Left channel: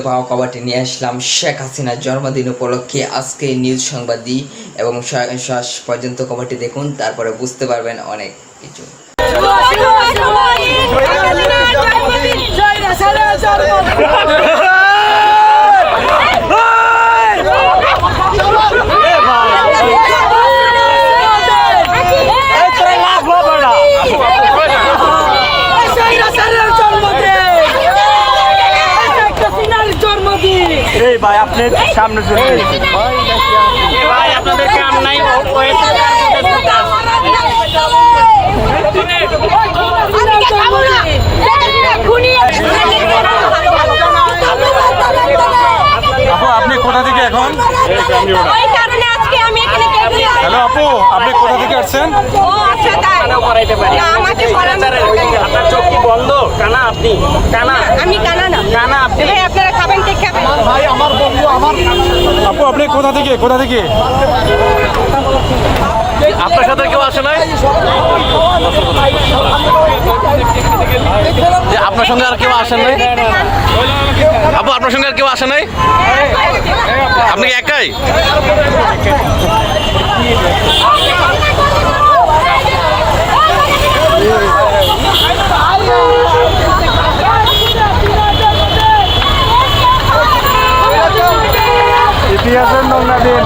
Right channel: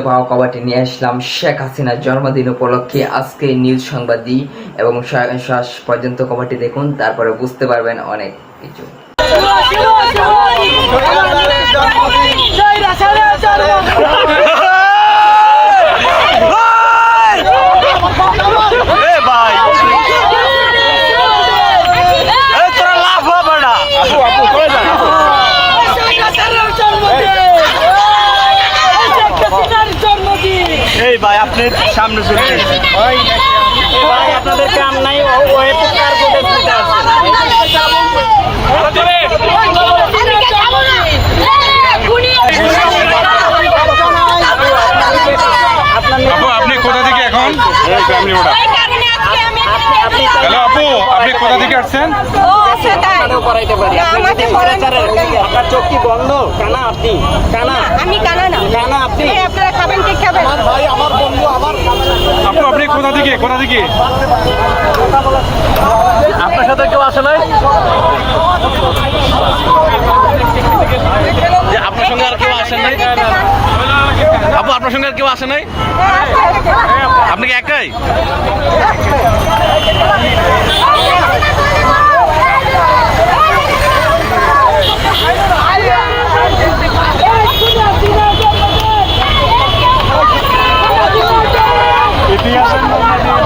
পাওয়া কবাটি নিয়ে আসলাম শেখ হাসিনার জন্মদিন উপলক্ষে আজকে নিউজ সংবাদ দিই এবং শেষ পর্যন্ত খবরটি দেখুন তারপরে বুঝতে পারবেন অনেক কিছু এই ভাই আপনি সামনে চলে এসেছেন আপনি কোথা থেকে এখন ওই কারণে আজকে আমি এখানে বের হয়েছি। হ্যালো আপু আপনি কোথা থেকে আসছেন ও আচ্ছা তাই না আমাকে পড়ানোর দরকার নেই আপনার চোখ কি বন্ধ কানা আপনি কানা আমি কানা না কানা আপনি আপনারা খাবেন কি খাবেন কোথা থেকে কোথা থেকে? আপনার সাথে কেউ আসে নাই? আপনার সঙ্গে আর কেউ আসে নাই? আপু, আপনার সঙ্গে আর কেউ আসে নাই। আপনি কি একাই? ইতিহাসের নমুনা দিন